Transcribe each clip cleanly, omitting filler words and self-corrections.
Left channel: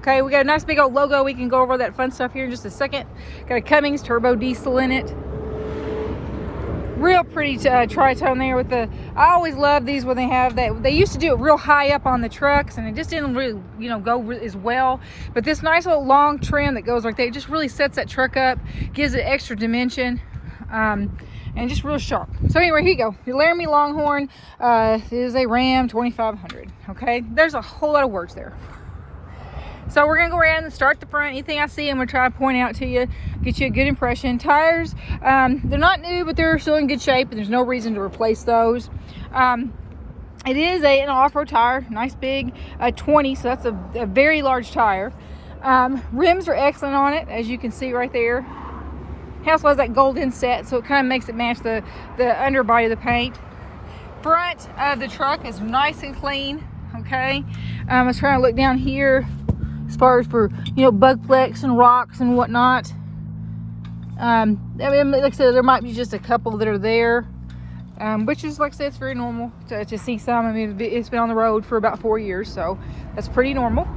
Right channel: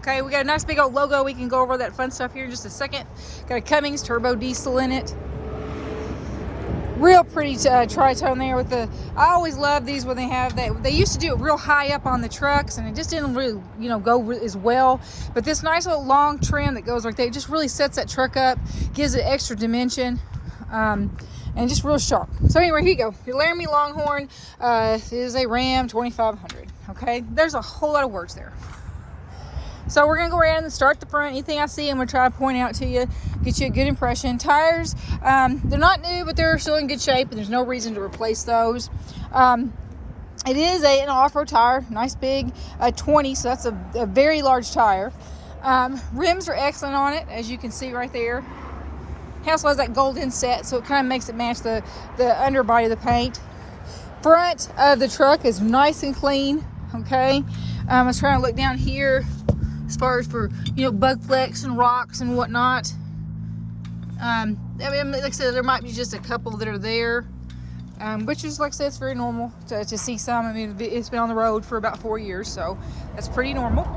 Okay, we got a nice big old logo. We can go over that fun stuff here in just a second. Got a Cummins turbo diesel in it. Real pretty tri-tone there with the, I always love these when they have that. They used to do it real high up on the trucks and it just didn't really, go as well. But this nice little long trim that goes like that, it just really sets that truck up, gives it extra dimension, and just real sharp. So anyway, here you go. Your Laramie Longhorn is a Ram 2500. Okay, there's a whole lot of words there. So we're gonna go around and start the front. Anything I see, I'm gonna try to point out to you, get you a good impression. Tires, they're not new, but they're still in good shape, and there's no reason to replace those. It is an off-road tire, nice big 20, so that's a very large tire. Rims are excellent on it, as you can see right there. It also has that gold inset, so it kind of makes it match the underbody of the paint. Front of the truck is nice and clean. Okay, I was trying to look down here as far as for bug flecks and rocks and whatnot. I mean, like I said, there might be just a couple that are there, which is, like I said, it's very normal to see some. I mean, it's been on the road for about 4 years, so that's pretty normal.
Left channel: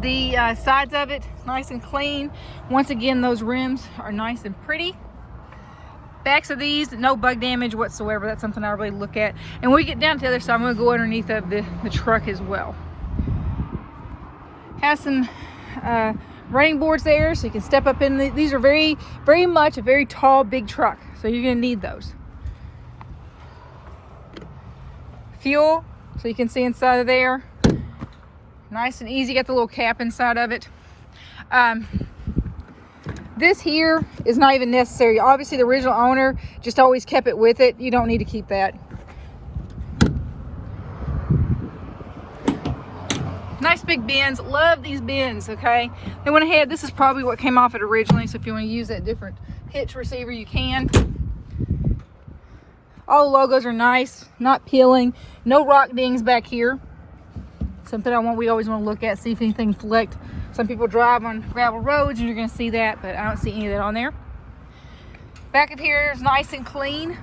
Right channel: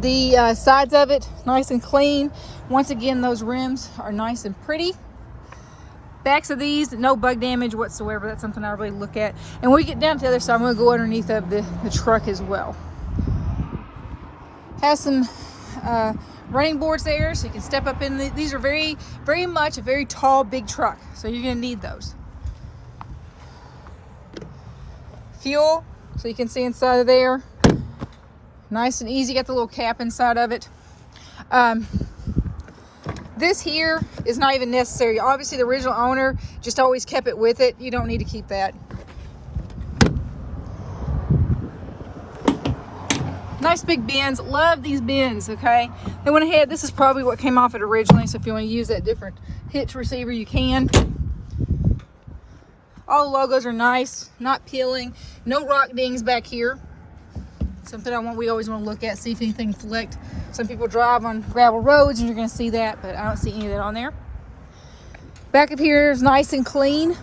The sides of it, nice and clean. Once again, those rims are nice and pretty. Backs of these, no bug damage whatsoever. That's something I really look at. And when we get down to the other side, I'm going to go underneath of the truck as well. Has some running boards there, so you can step up in. These are very, very much a very tall, big truck, so you're going to need those. Fuel, so you can see inside of there. Nice and easy. Got the little cap inside of it. This here is not even necessary. Obviously, the original owner just always kept it with it. You don't need to keep that. Nice big bins. Love these bins, okay? They went ahead. This is probably what came off it originally, so if you want to use that different hitch receiver, you can. All the logos are nice, not peeling. No rock dings back here. Something we always want to look at, see if anything flecked. Some people drive on gravel roads and you're going to see that, but I don't see any of that on there. Back up here is nice and clean.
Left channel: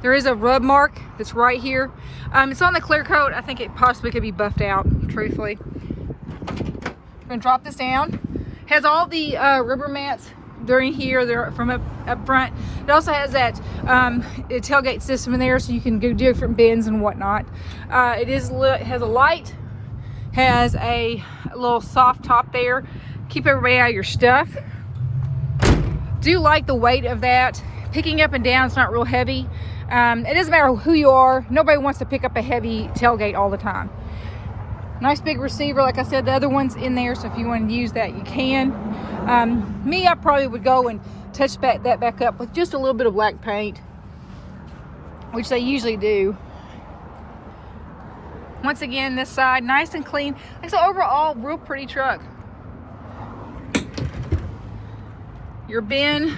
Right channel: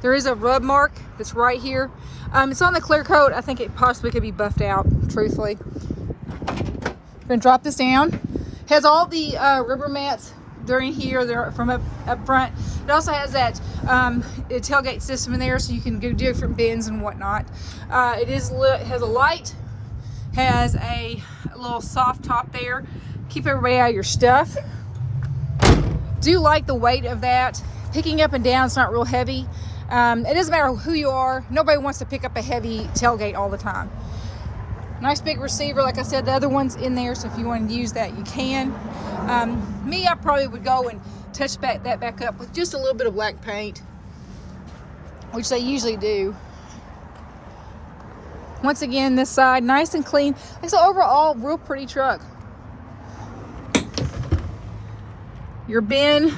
There is a rub mark that's right here. It's on the clear coat. I think it possibly could be buffed out, truthfully. I'm going to drop this down. It has all the rubber mats during here. They're from up front. It also has that tailgate system in there, so you can do different bends and whatnot. It has a light. Has a little soft top there. Keep everybody out of your stuff. Do like the weight of that. Picking up and down, it's not real heavy. It doesn't matter who you are. Nobody wants to pick up a heavy tailgate all the time. Nice big receiver. Like I said, the other one's in there, so if you want to use that, you can. Me, I probably would go and touch that back up with just a little bit of black paint, which they usually do. Once again, this side, nice and clean. It's an overall real pretty truck. Your bin,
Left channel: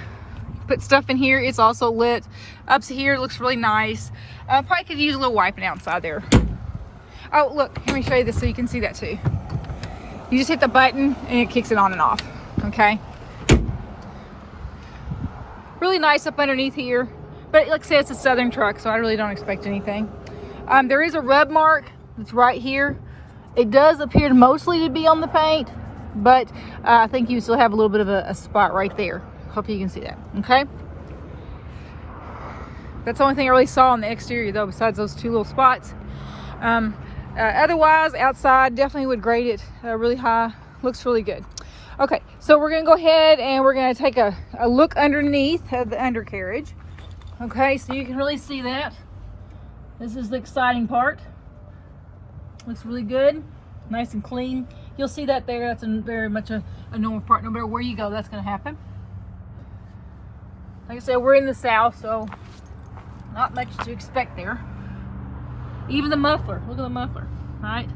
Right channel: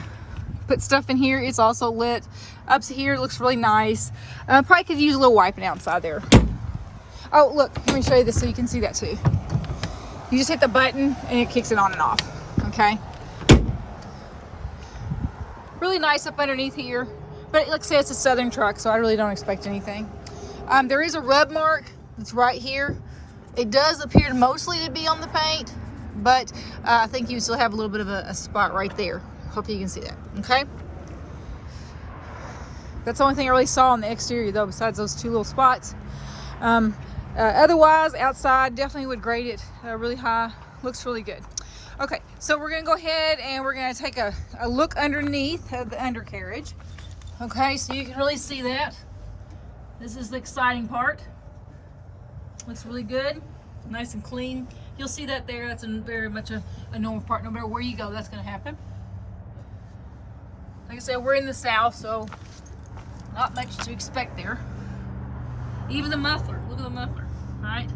put stuff in here. It's also lit. Up to here, it looks really nice. Probably could use a little wiping outside there. Oh, look, let me show you this so you can see that too. You just hit the button and it kicks it on and off, okay? Really nice up underneath here. But like I said, it's a Southern truck, so I really don't expect anything. There is a rub mark. It's right here. It does appear mostly to be on the paint, but I think you still have a little bit of a spot right there. Hope you can see that, okay? That's the only thing I really saw on the exterior though, besides those two little spots. Otherwise, outside, definitely would grade it really high. Looks really good. Okay, so we're gonna go ahead and we're gonna take a look underneath of the undercarriage. Okay, so you can really see that. This is the exciting part. Looks really good, nice and clean. You'll see that there. That's very much a normal part. No matter where you go, that's going to happen. Like I said, we're in the South, so not much to expect there. Even the muffler. Look at the muffler, right?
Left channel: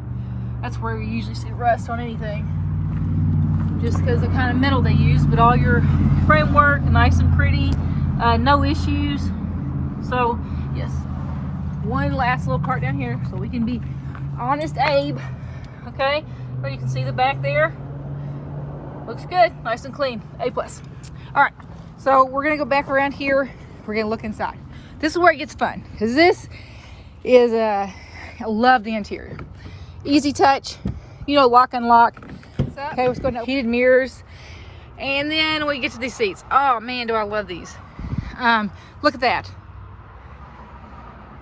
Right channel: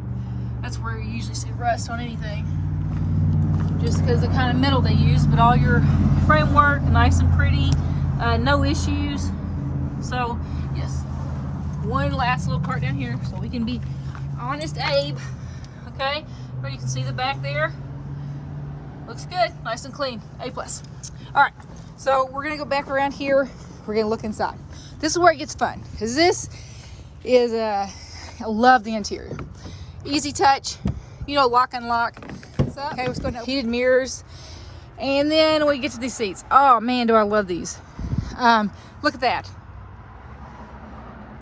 That's where you usually see rust on anything, just because of the kind of metal they use. But all your framework, nice and pretty, no issues. So yes, one last little part down here, so we can be honest Abe, okay? Where you can see the back there. Looks good, nice and clean, A+. All right, so we're gonna go back around here. We're gonna look inside. This is where it gets fun, because this is, I love the interior. Easy touch, you know, lock, unlock. Okay, let's go to heated mirrors. And then we get to these seats. Oh man, do I love these. Look at that.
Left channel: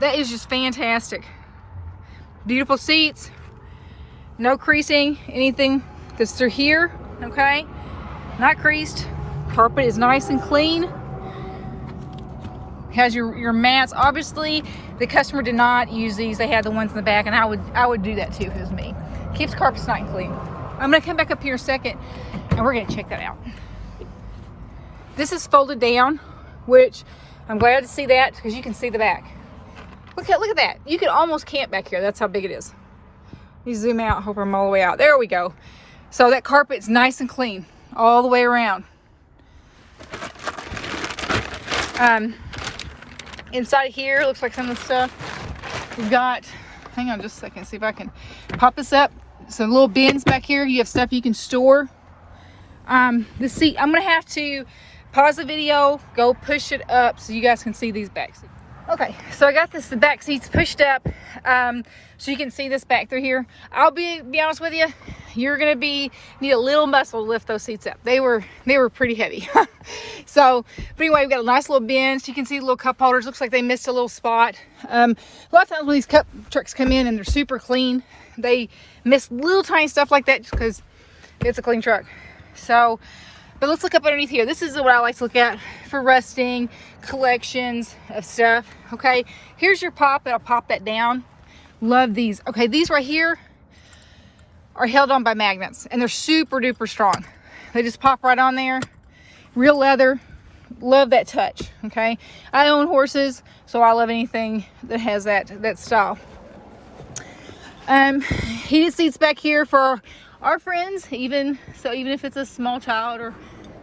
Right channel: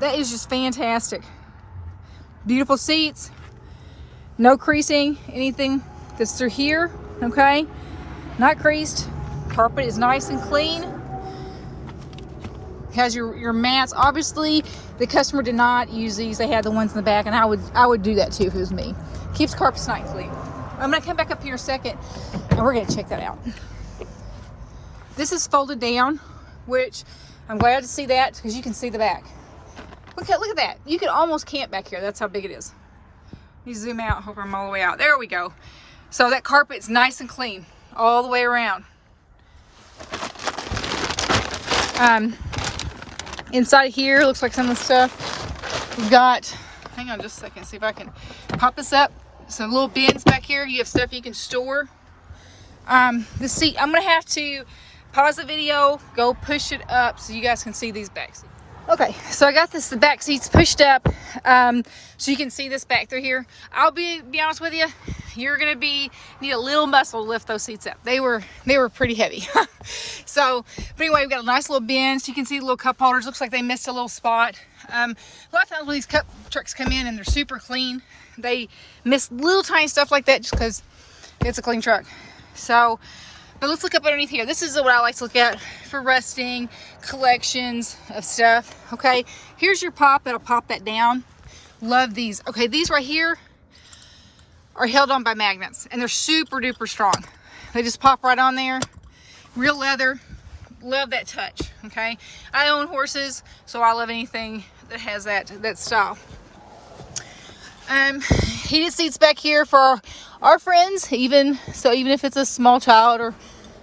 That is just fantastic. Beautiful seats. No creasing, anything that's through here, okay? Not creased. Carpet is nice and clean. Has your mats. Obviously, the customer did not use these. They had the ones in the back, and I would do that too if it was me. Keeps carpets nice and clean. I'm gonna come back up here in a second, and we're gonna check that out. This is folded down, which I'm glad to see that because you can see the back. Look at that. You can almost camp back here. That's how big it is. You zoom out. Hope I'm all the way out. There we go. So that carpet's nice and clean all the way around. Inside here looks like some of the stuff we've got. Hang on just a second. See if I can pop this up. Some little bins back here. You have stuff you can store. The seat. I'm gonna have to pause the video, go push it up so you guys can see these back seats. Okay, so I got the back seats pushed up so you can see this back through here. I'll be honest with you, you're gonna need a little muscle to lift those seats up. They were pretty heavy. So, but anyway, we've got a nice little bin so you can see the little cup holders. Looks like they missed a little spot. A lot of times when these cup trucks come in and they're super clean, they miss little tiny stuff like that just because it's a clean truck. So, but let's look up underneath here. This is what I like to look at for resting, collections of stuff. Okay, here's your pop. It'll pop that down. Love these. Okay, these right here are held on by magnets, and they're super duper strong. They just pop right on there. Real leather. Love that touch. Okay, I own horses, so I love anything that has that style. Heated seats back here for our friends, even if it's a small child or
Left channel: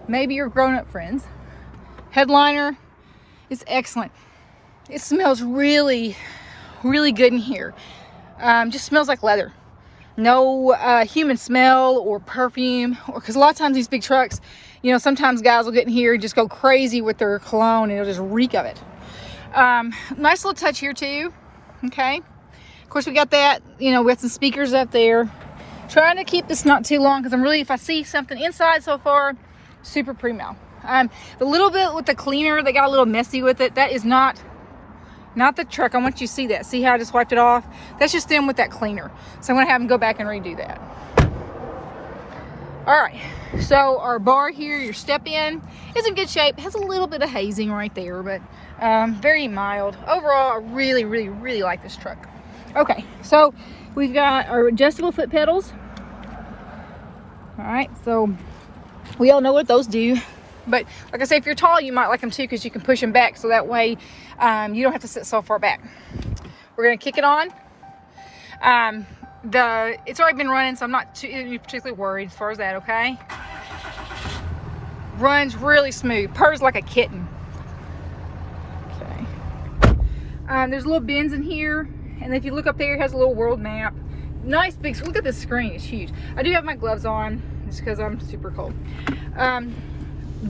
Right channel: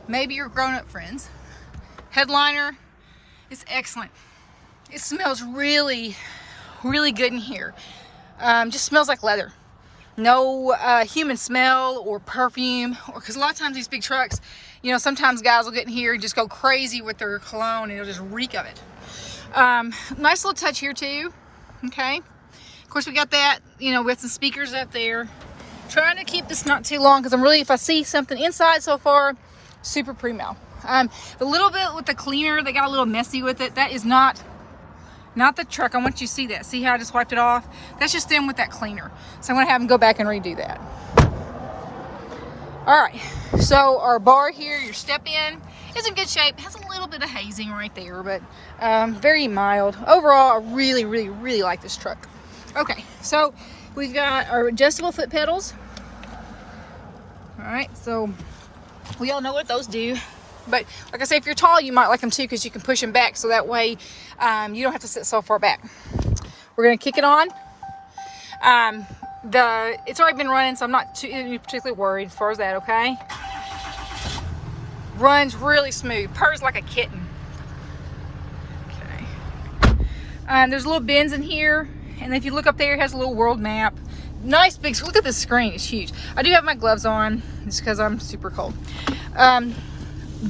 maybe your grown-up friends. Headliner is excellent. It smells really, really good in here. Just smells like leather. No human smell or perfume, because a lot of times these big trucks, you know, sometimes guys will get in here and just go crazy with their cologne and it'll just reek of it. Nice little touch here too. Okay. Of course, we got that, you know, with some speakers up there. Trying to keep this not too long because if I see something inside so far, super primo. The little bit with the cleaner, they got a little messy with it. That is not the truck. I want you to see that. See how I just wiped it off? That's just them with that cleaner. So I'm gonna have them go back and redo that. All right, so our bar here, your step in, is in good shape. Has a little bit of hazing right there, but very mild. Overall, I really, really, really like this truck. Okay, so we've got our adjustable foot pedals. All right, so we all know what those do. But like I say, if you're tall, you might like them too because you can push them back so that way you don't have to sit so far back. We're going to kick it on. It's already been running, so I'm not too particularly worried as far as that, okay? Runs really smooth. Purrs like a kitten. Okay. There's little bins in here. And if you look up there, it has a little world map. Nice big, look at this screen, it's huge. I do have my gloves on, just because I'm super cold.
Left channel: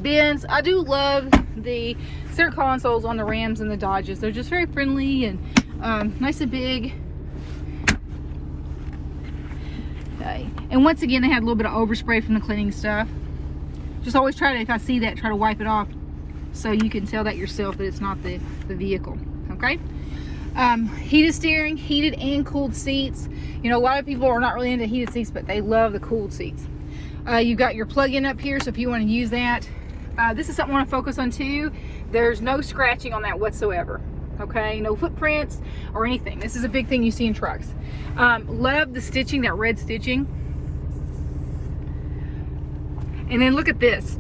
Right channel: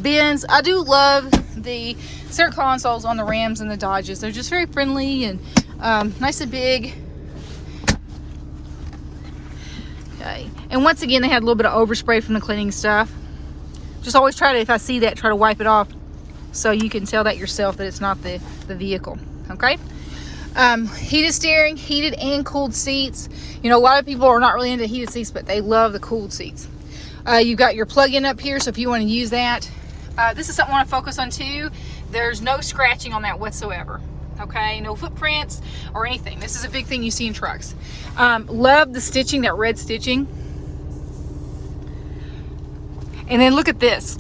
Bins, I do love the center consoles on the Rams and the Dodges. They're just very friendly and nice and big. Okay, and once again, they had a little bit of overspray from the cleaning stuff. Just always try to, if I see that, try to wipe it off so you can tell that yourself that it's not the vehicle, okay? Heated steering, heated and cooled seats. You know, a lot of people are not really into heated seats, but they love the cooled seats. You've got your plug-in up here, so if you want to use that. This is something I want to focus on too. There's no scratching on that whatsoever. Okay, no footprints or anything. This is a big thing you see in trucks. Love the stitching, that red stitching. And then look at this,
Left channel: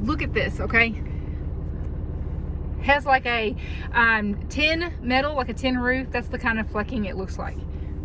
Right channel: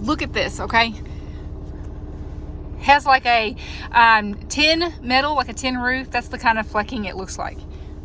okay? Has like a tin metal, like a tin roof. That's the kind of flecking it looks like.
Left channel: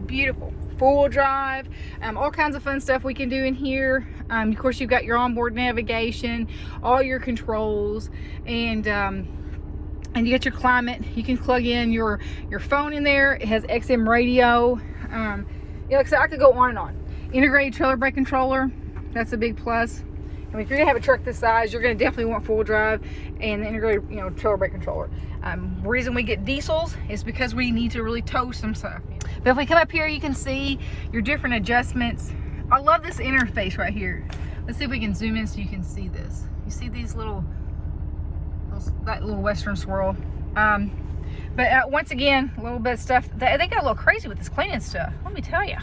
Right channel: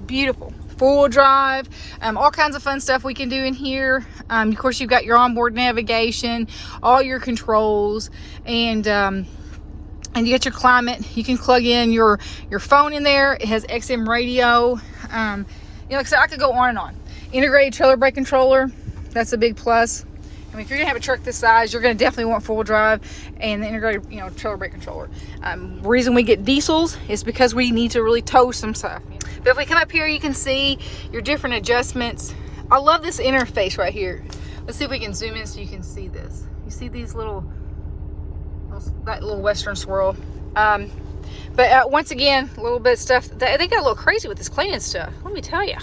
Beautiful. Four-wheel drive, all kinds of fun stuff we can do in here. Of course, you've got your onboard navigation, all your controls, and you get your climate. You can plug in your phone in there. It has XM radio. You know, like I said, I could go on and on. Integrated trailer brake controller. That's a big plus. I mean, if you're gonna have a truck this size, you're gonna definitely want four-wheel drive and the integrated, you know, trailer brake controller. The reason we get diesels is because we need to really tow some stuff. But if we come up here, you can see your different adjustments. I love this interface right here. Let's see if we can zoom in so you can see this. You see these that little Western swirl. But once again, a little bit of stuff. They got a little crazy with this cleaning stuff. Let me tell you.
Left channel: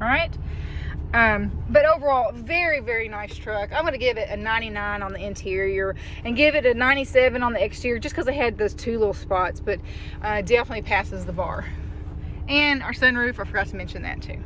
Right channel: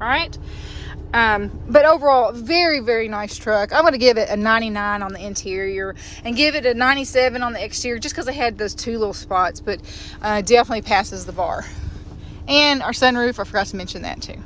All right. But overall, very, very nice truck. I'm going to give it a 99 on the interior and give it a 97 on the exterior just because I had those two little spots, but definitely passes the bar. And our sunroof, I forgot to mention that too.